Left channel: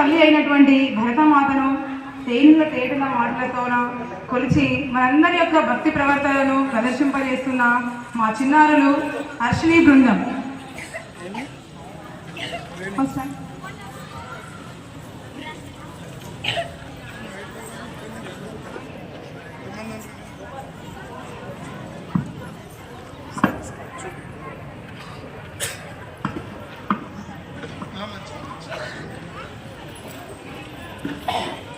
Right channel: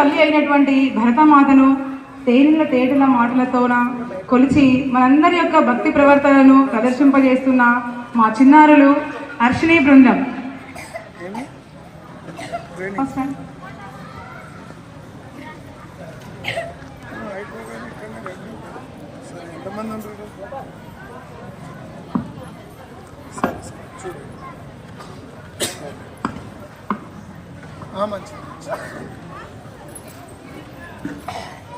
తల్లి అయినటువంటి భరతమాతను తేనుల తేటల మాటలతోన కొలిచి మనందరి యొక్క భక్తి ప్రవర్తనను ప్రదర్శింపజేస్తున్న మా చిన్నారులు హర్షిణి బృందం. మంచి Oh.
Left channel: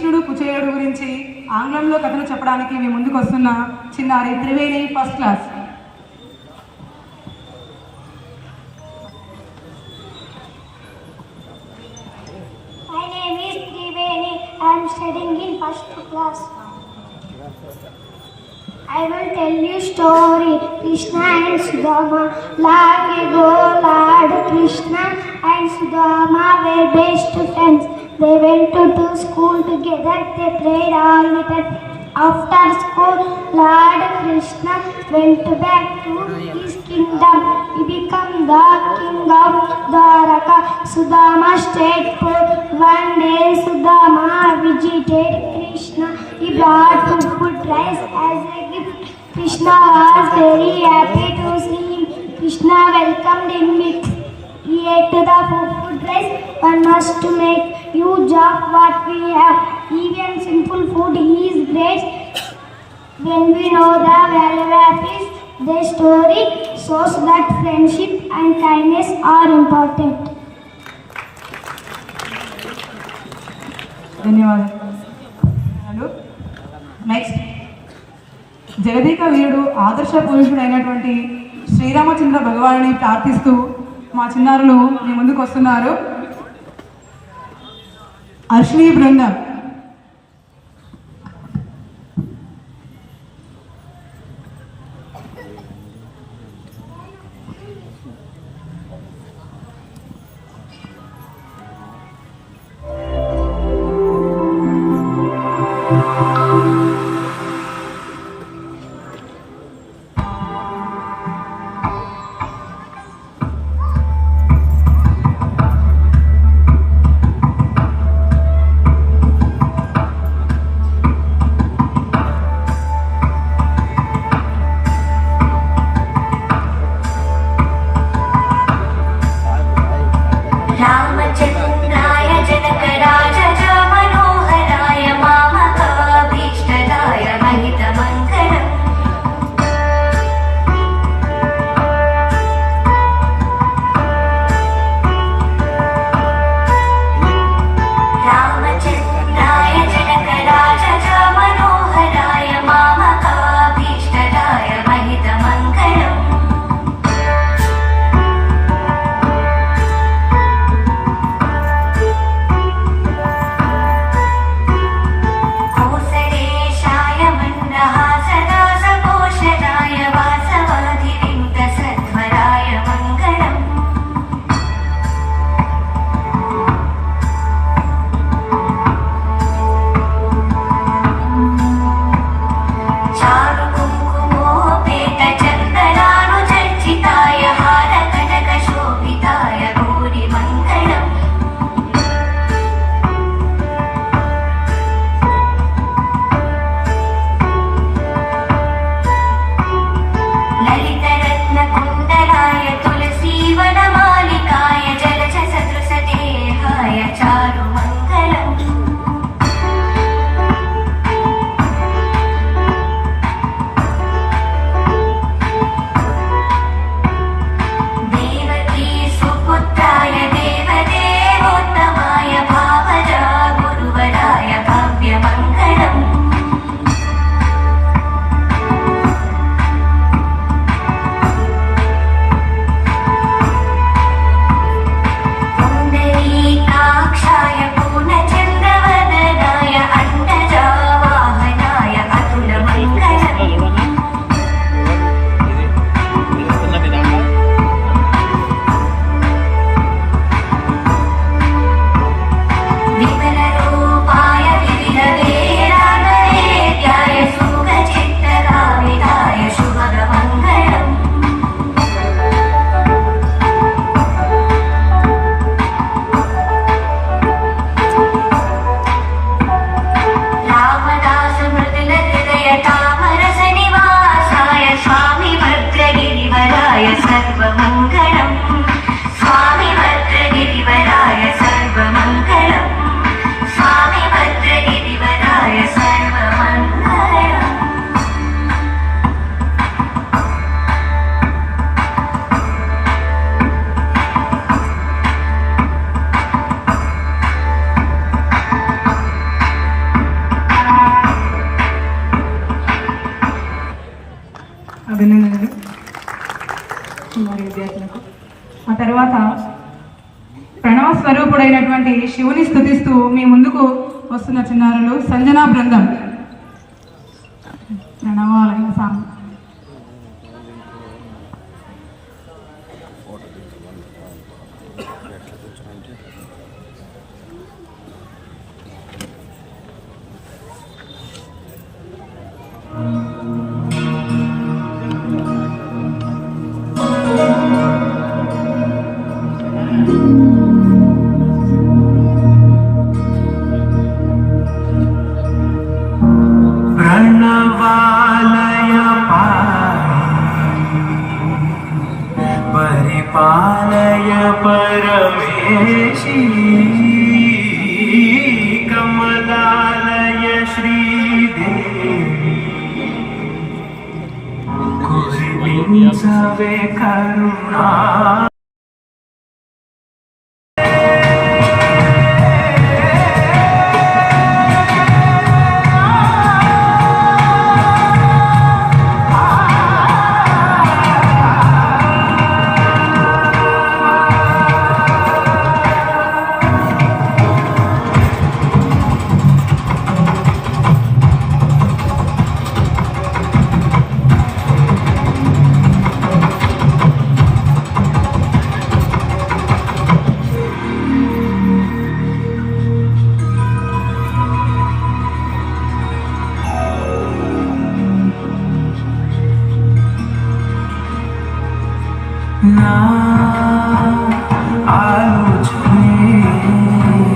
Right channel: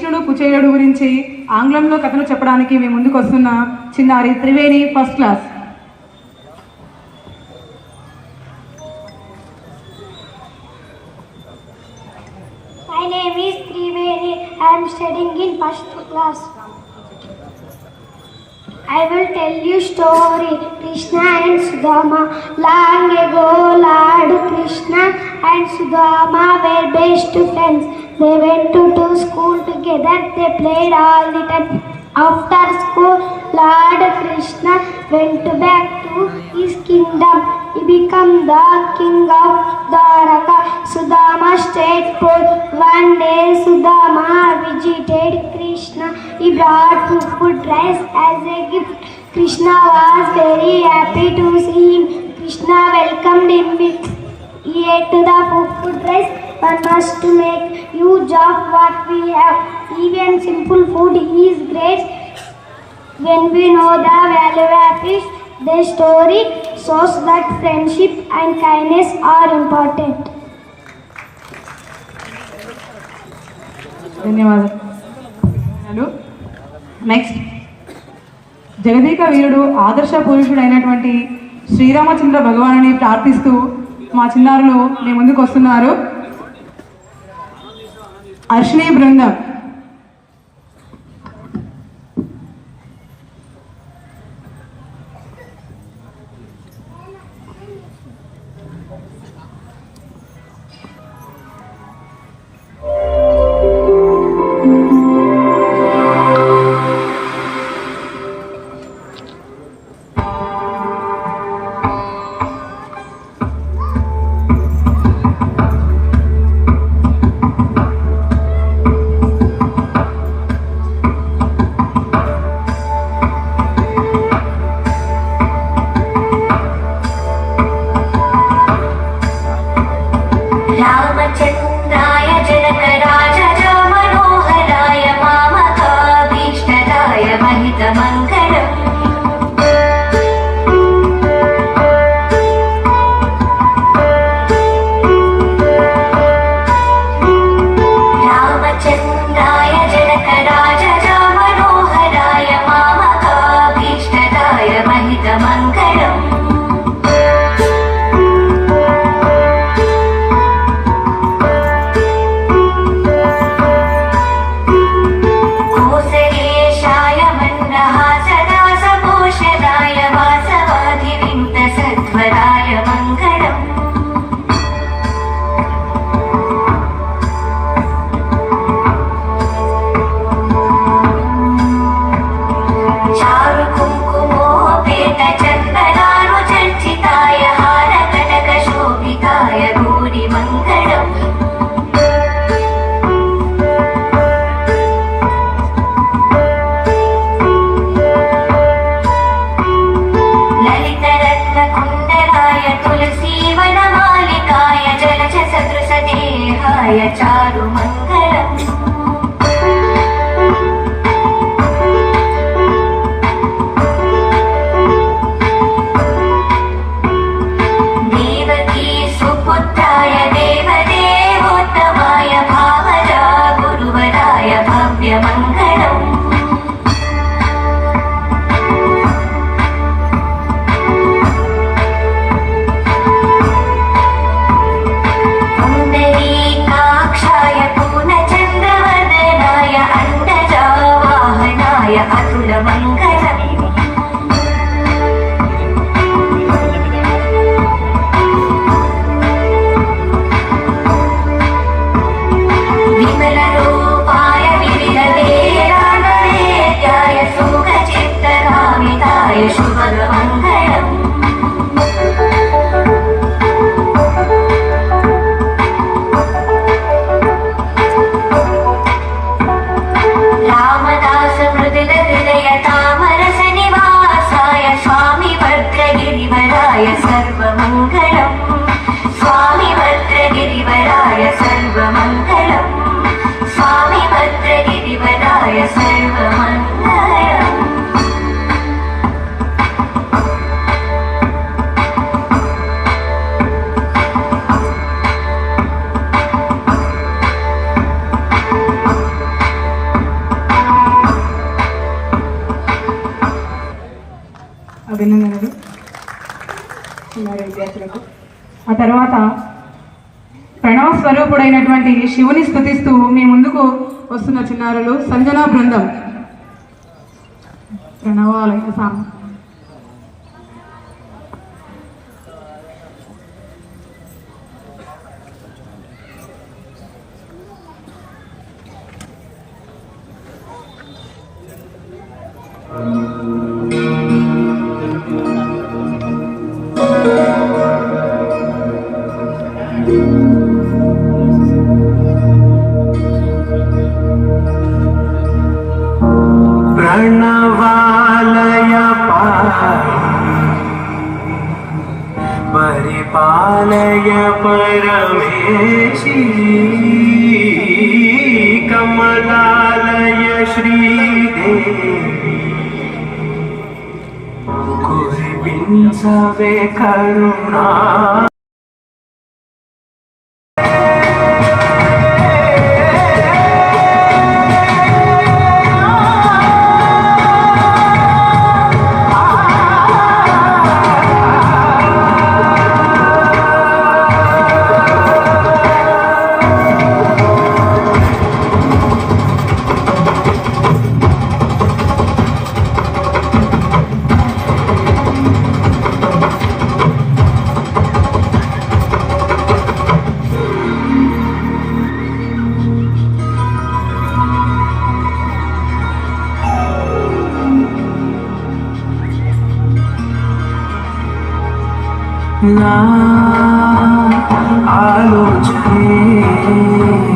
కృష్ణుడు కుచేయుడు గురించి ఆంగ్లంలో కథను చెప్పడానికి మీ ముందుకు వస్తున్న చిన్నారి Triveni first class. Together. They played all the time. After school, Lord Krishna went back to his kingdom. He became the king of Dwaraka. Sudama stayed poor. One day, Sudama visited Krishna. He brought food dress as a gift. Krishna was very happy when we know the value of it. The story shows that friendship and kindness are important. ధన్యవాదాలు next జగదీక వీరుడు ఆదర్శ పురుషుడైనటువంటి శ్రీరామచంద్ర భగవానుని ప్రార్థిస్తూ మా చిన్నారులు మీ ముందుకు వస్తున్నారు అర్షిణీ బృందం శివుని స్థుతిస్తూ మీ ముందుకు వస్తున్న చిన్నారులు సంజనా బృందం. परिपालय परमेशी कमलालय श्रीदेवी कुरिपिंचवे करुणा না আলো ছেড়ে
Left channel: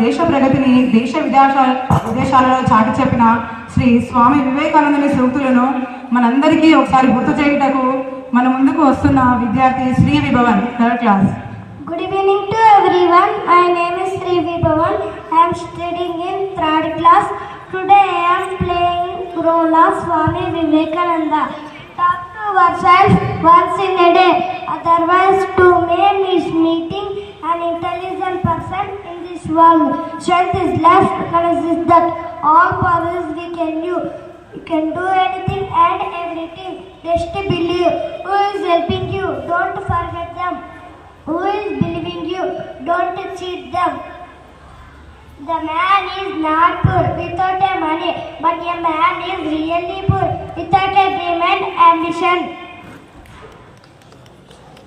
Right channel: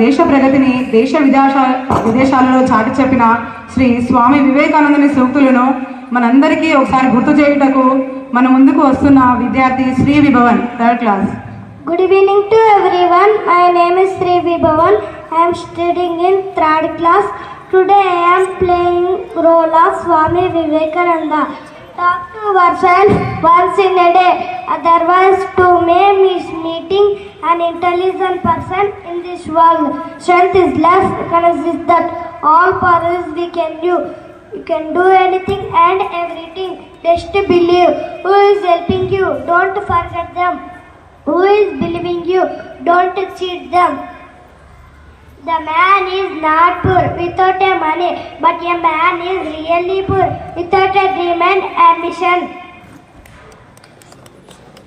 దేశ ప్రగతిని దేశ విదేశ విదేశాలలో చాటి చెప్పిన శ్రీ స్వామి వివేకానందుని సూక్తులను మనందరికీ ఒకసారి గుర్తు చేయుటకు మన ముందుకు వస్తున్న విద్యార్థి Sri Vibhavan third class. Good evening to everyone my name is Sri Vibhavan I'm studying in third class today I'm playing role of Swami Vivekananda Ourselves once in a day. Otherwise, to me is meeting an intelligent person in this world. Strength is left, courage is that. All powers we can do. You can do anything and everything. Just believe. Who is helping you? Don't forget them. Who is believing you? Don't cheat them. The man is not poor without a money, but a man is really poor without a dream and ambition.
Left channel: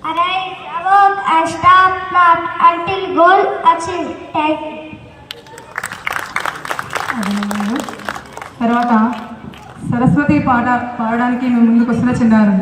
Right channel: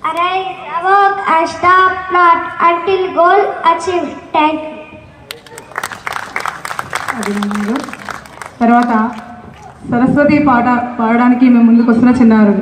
Arise, awoke, and stop not until goal achieved. Thank you. తర్వాత సరస్వతి పాట పాడడానికి మేము ముందుకు వస్తున్న చిన్నారు